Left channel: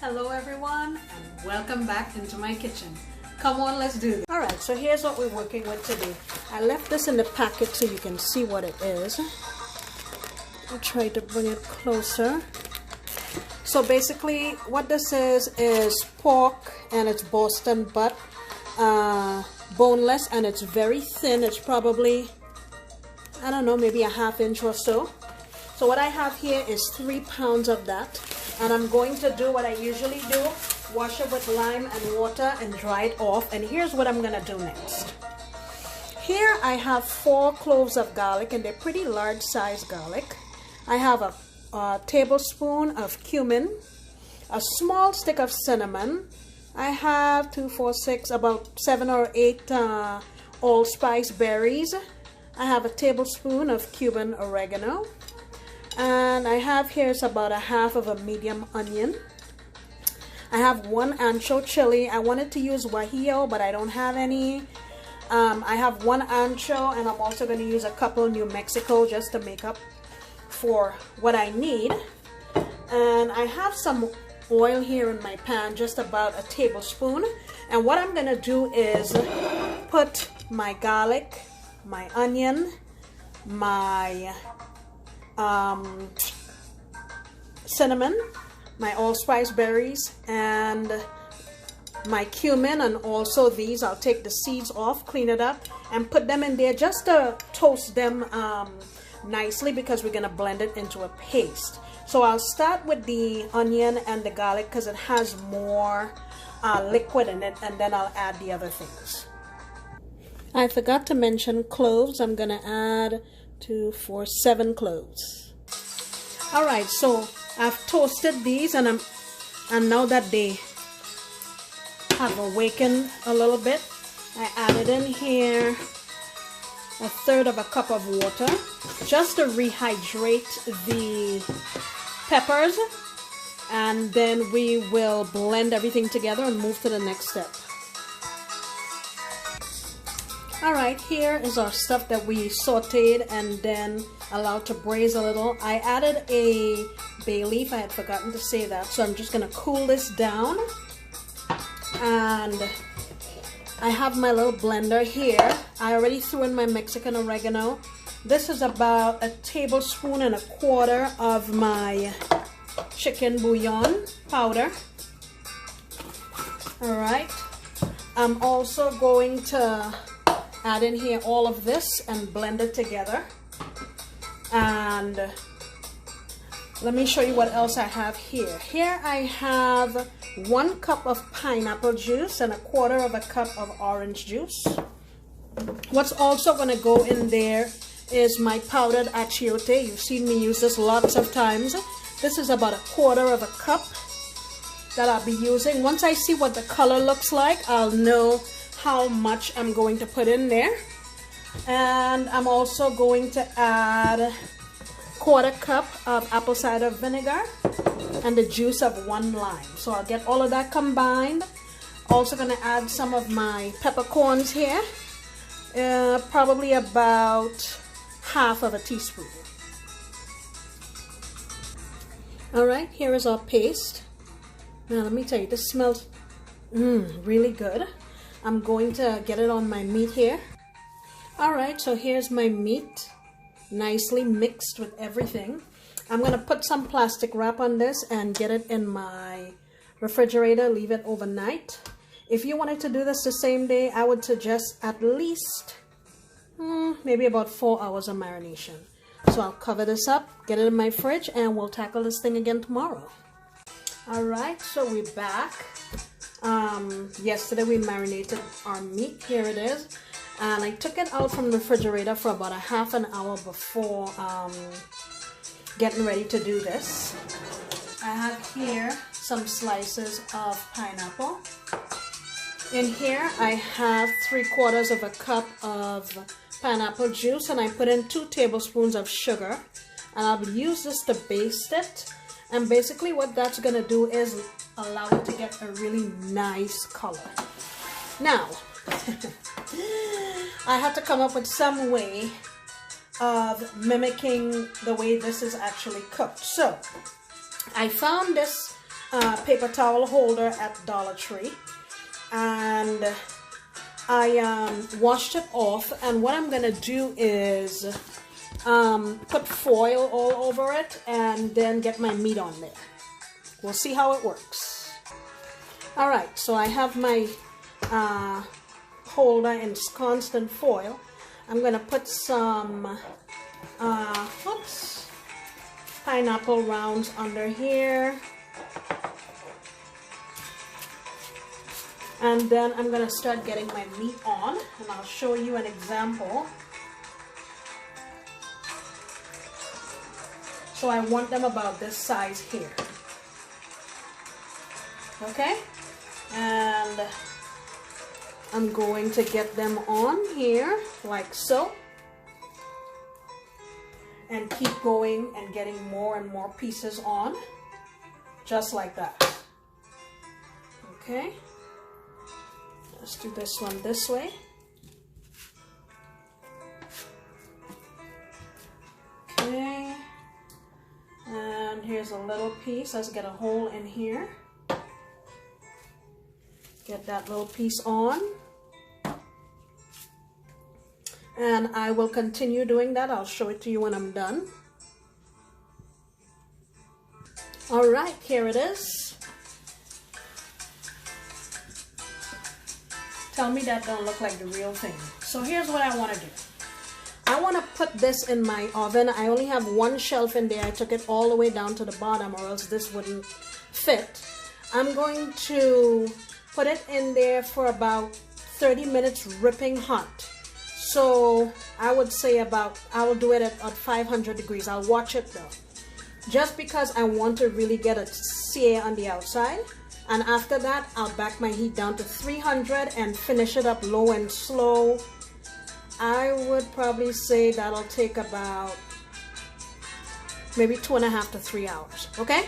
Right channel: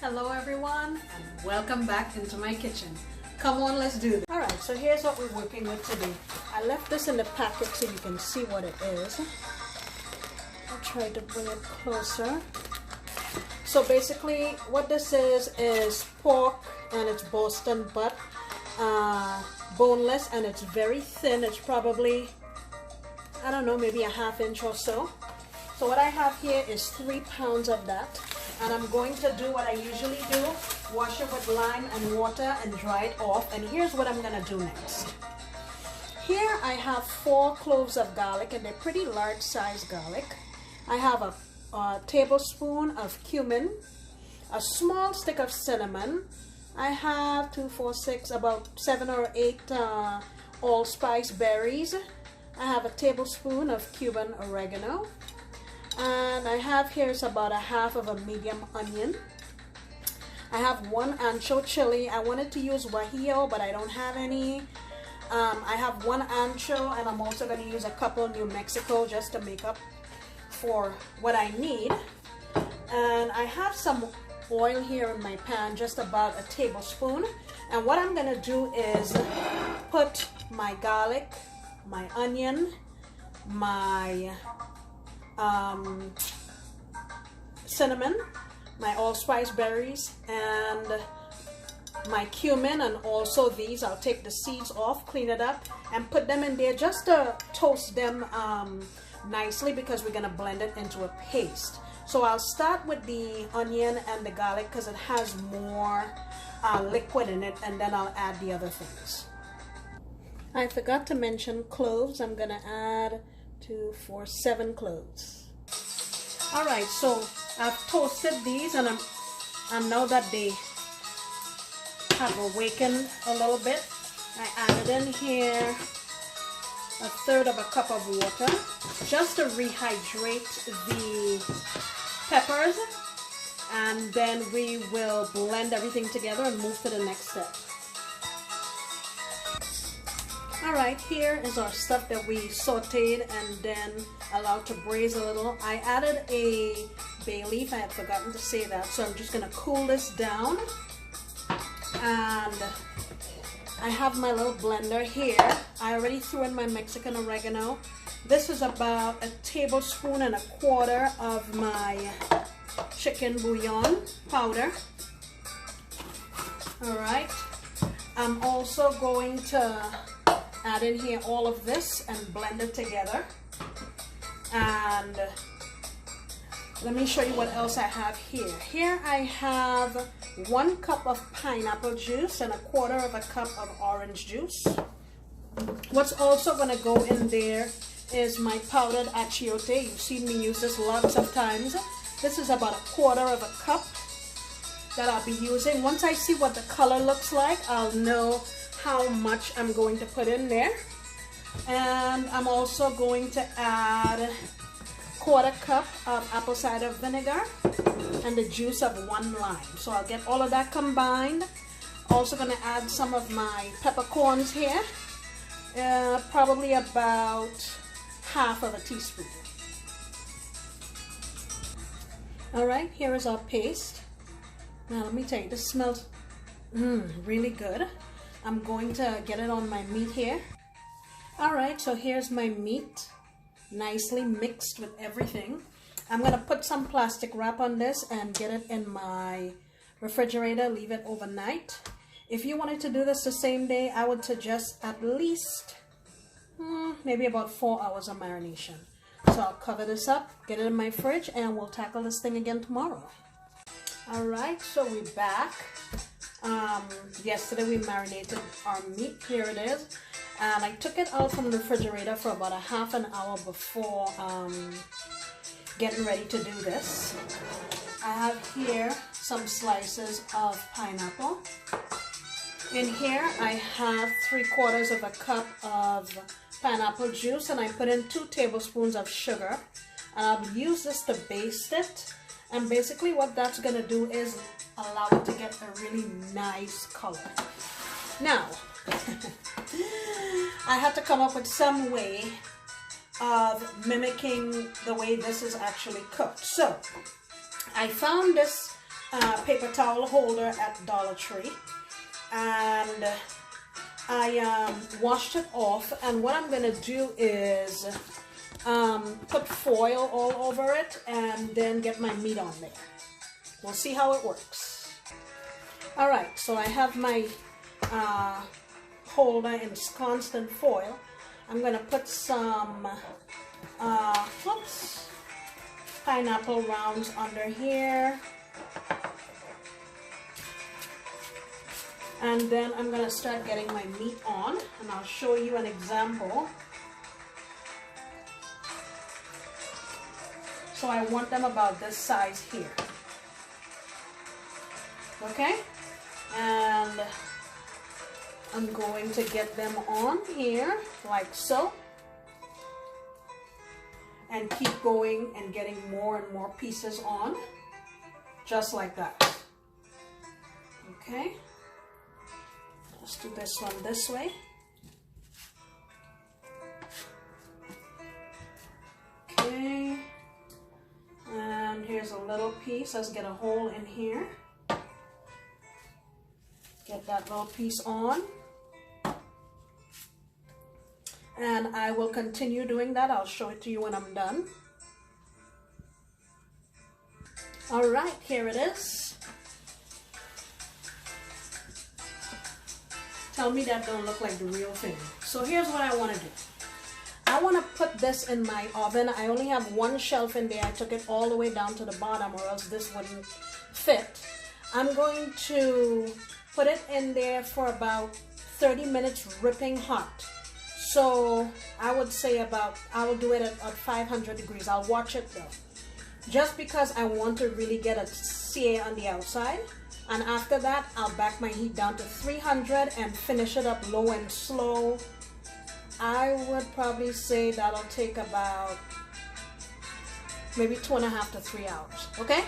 Hello everyone and welcome back into my kitchen. Come on, let's do this. Alright, so here's what we're working with today. I left this in the packet so you can see what it is. I'll try to bring it closer. So basically what this is pork, and it's Boston butt, boneless, and it's very thin. It's probably, I don't know, maybe a ½ inch or so. So what I have here is 3 pounds of that, and I'm going to do what I usually do, wash it with lime and water and dry it off. And here's what I'm gonna do next. Here I have 4 cloves of garlic, and they're pretty large size garlic. I have a tablespoon of cumin, a small stick of cinnamon. I have 2, 4, 6, about 7 or 8 allspice berries. I have a tablespoon of Cuban oregano. And I have here is about ½ of a medium onion. I have 1 ancho chili. I wanted to use guajillo, but I don't have any. I have 1 ancho, and I'm also going to use a couple New Mexico just to make up for what I need. And I have some oil here in my pan, just about a tablespoon. And what I'm going to do is put my garlic, my onion, my cinnamon, my allspice berries, and my cumin, and also these. I'll take the seeds off, clean it up, and put them in there just to toast them nicely, because we're gonna blend it into a paste. So I'll start with the onion and the garlic because it has more liquid in it, and then I'll add the other things. I forgot to mention cloves. I'm gonna add 2, 4, 7 cloves. All right, so I've toasted these, and now that they have awakened a little bit, I added in here 1/3 of a cup of water just to rehydrate the peppers, and then we will blend everything together and move to the next step. Alright, here is our stuff that we sauteed and then allowed to braise a little. I added a bay leaf. I had forgotten to say that, so I'm just going to cool this down. And I have my little blender here. I already threw in my Mexican oregano. This is about 1.25 tablespoons of my chicken bouillon powder. Alright, I'm also going to add in here all of this and blend it together. And let me show you what else I have here. Here I have 1 cup of pineapple juice and 1/4 cup of orange juice. What's also going to go in there is my powdered achiote. You've seen me use this lots of times. This is about 1/4 cup that I'll be using. Once I see what the color looks like, I'll know how much I'm going to put in there. And I'm also going to add 1/4 cup of apple cider vinegar and the juice of 1 lime. So I'll get all of that combined. Also going to add some of my peppercorns here, probably about ½ of a teaspoon. Alright, here is our paste. Now let me tell you, this smells really good. I'm going to get it on my meat here. Alright, so here's my meat, nicely mixed with everything. I'm going to put some plastic wrap on this and get it in my refrigerator, leave it overnight. If you wanted to do this the same day, I would suggest at least maybe about 4 hours of marination. So I'll cover this up, get it in my fridge, and we'll tackle this thing again tomorrow. Alright, so we're back. Yesterday we marinated our meat. Here it is, and I took it out from the refrigerator for about ½ an hour before getting ready to do this. I have here some slices of pineapple. In here I have 3/4 cup of pineapple juice, and I put in 2 tablespoons of sugar, and I'll use this to baste it. And basically what that's going to do is allow it to get a really nice color. Now, I had to come up with some way of mimicking the way this is actually cooked. So, I found this paper towel holder at Dollar Tree, and I washed it off, and what I'm gonna do is put foil all over it and then get my meat on there. We'll see how it works. All right, so I have my holder in constant foil. I'm gonna put some pineapple rounds under here, and then I'm gonna start getting my meat on, and I'll show you an example. So I want them about this size here. Okay, and I'm going to get them on here like so, and keep going and getting more and more pieces on, just like that. Okay, let's do this one this way. Okay, and here's a little piece. Let's get a hole in here. Get that little piece on, and I will continue doing that. I'll show it to you when I'm done. All right, here it is. Tell me that don't look like the real thing. So here's what I want to do. I want to put this in my oven. I only have one shelf in there. I took it all the way down to the bottom, or else this wouldn't fit. I'm going to put it in there for about 30 minutes ripping hot. So I would say I'll do it at 500 degrees. I'll watch it though, just because I want to really get a sear on the outside. And after that, I'll back my heat down to 300 and finish it up low and slow. I would probably say that'll take about maybe 2.5 to 3 hours, okay?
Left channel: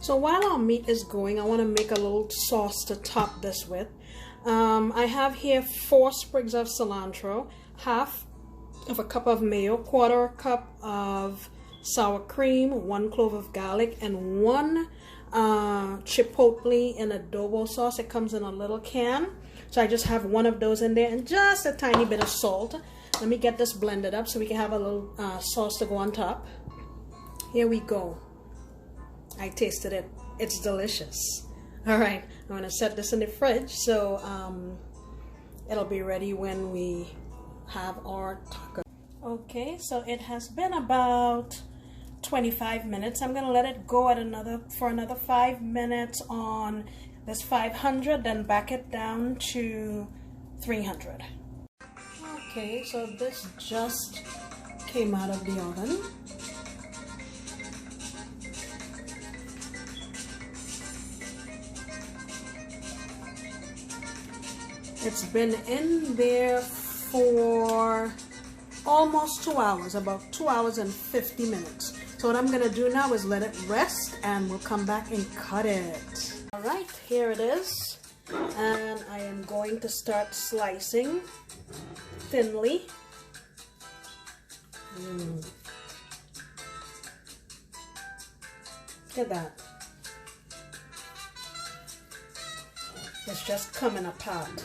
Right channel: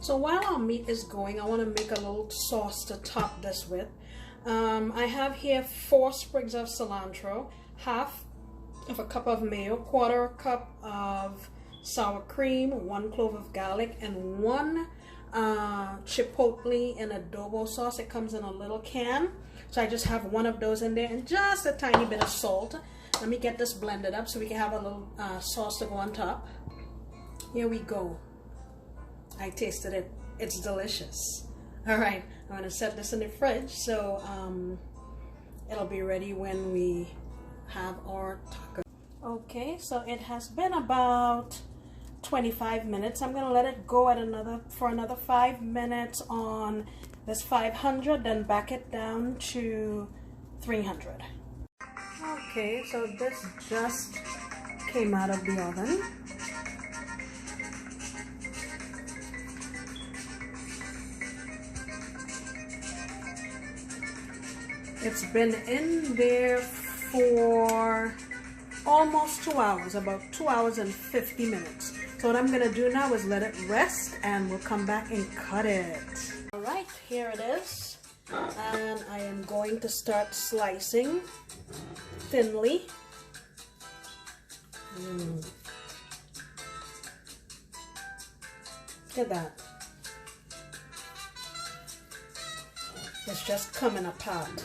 So while our meat is going, I want to make a little sauce to top this with. I have here 4 sprigs of cilantro, half of a cup of mayo, 1/4 cup of sour cream, 1 clove of garlic, and 1 chipotle in adobo sauce. It comes in a little can, so I just have 1 of those in there, and just a tiny bit of salt. Let me get this blended up so we can have a little sauce to go on top. Here we go. I tasted it. It's delicious. All right, I'm gonna set this in the fridge so it'll be ready when we have our taco. Okay, so it has been about 25 minutes. I'm gonna let it go at for another 5 minutes on this 500, then back it down to 300. Okay, so this just came out of the oven. It's been in there for almost 2 hours, about 2 hours and 50 minutes. So what I'm gonna do now is let it rest, and we'll come back and cut it. All right, here it is. And I am going to start slicing thinly. Look at that. It's just coming apart.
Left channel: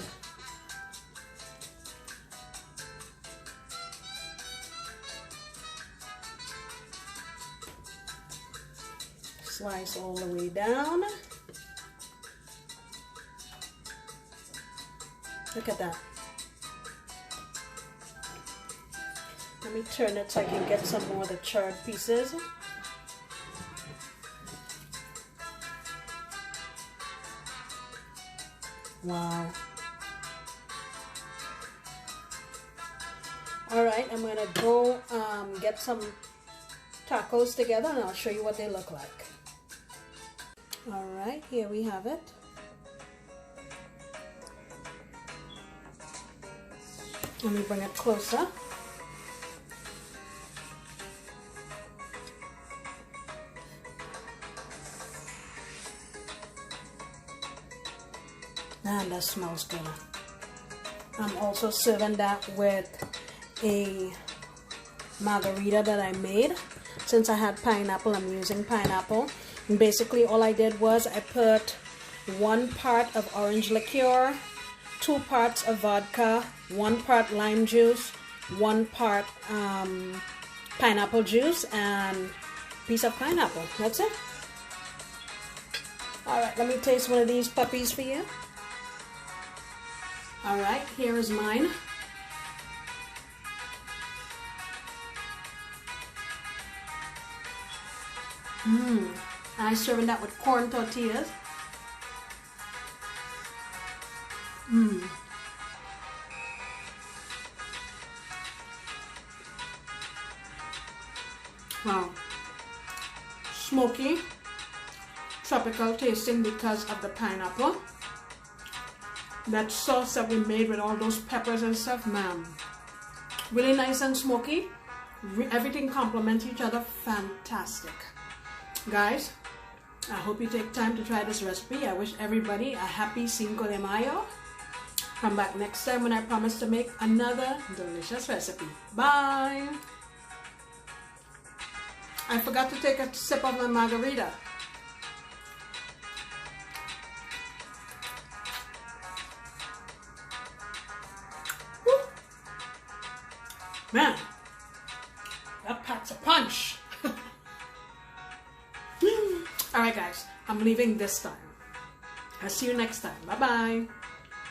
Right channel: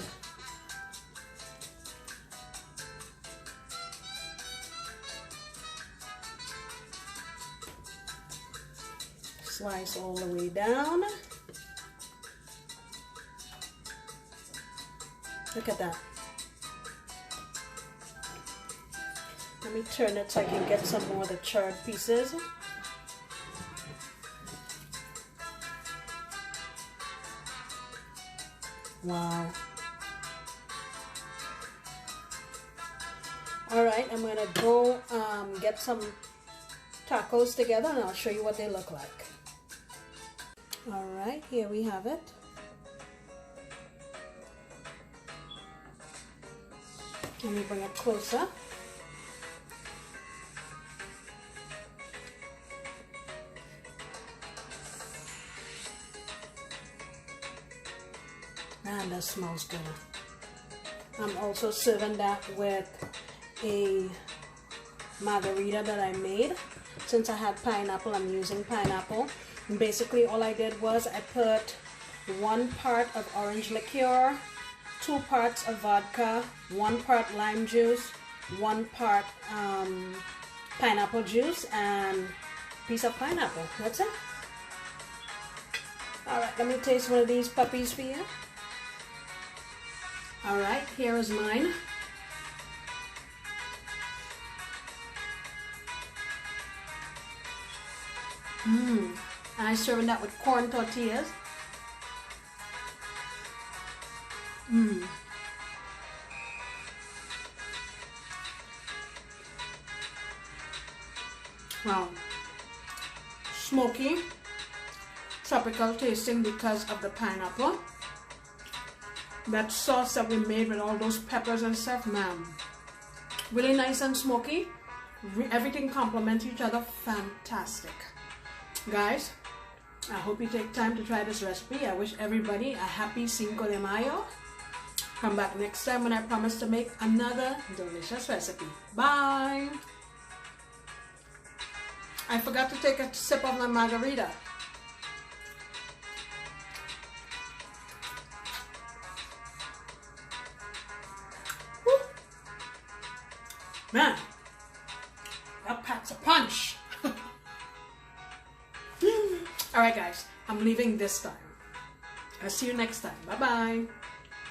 Slice all the way down. Look at that. Let me turn it so I can get some more of the charred pieces. Wow. All right, I'm gonna go get some tacos together, and I'll show you what they look like. All right, here we have it. Let me bring it closer. Man, that smells good. I'm also serving that with a margarita that I made. since I had pineapple, I'm using pineapple. And basically all I did was I put 1 part of orange liqueur, 2 parts of vodka, 1 part lime juice, 1 part pineapple juice, and a piece of pineapple. That's it. Alright, let me taste one of these puppies for you. Alright, here is mine. And I serving that with corn tortillas. Wow. Smoky, tropical tasting because of the pineapple. That sauce that we made with all those peppers and stuff, man. Really nice and smoky. Everything complements each other. Fantastic. Guys, I hope you take time to try this recipe. I wish everybody a happy Cinco de Mayo. Come back next time when I promise to make another delicious recipe. Bye! I forgot to take a sip of my margarita. Woo. Man, that packs a punch. Alright guys, I'm leaving this time. I'll see you next time. Bye bye.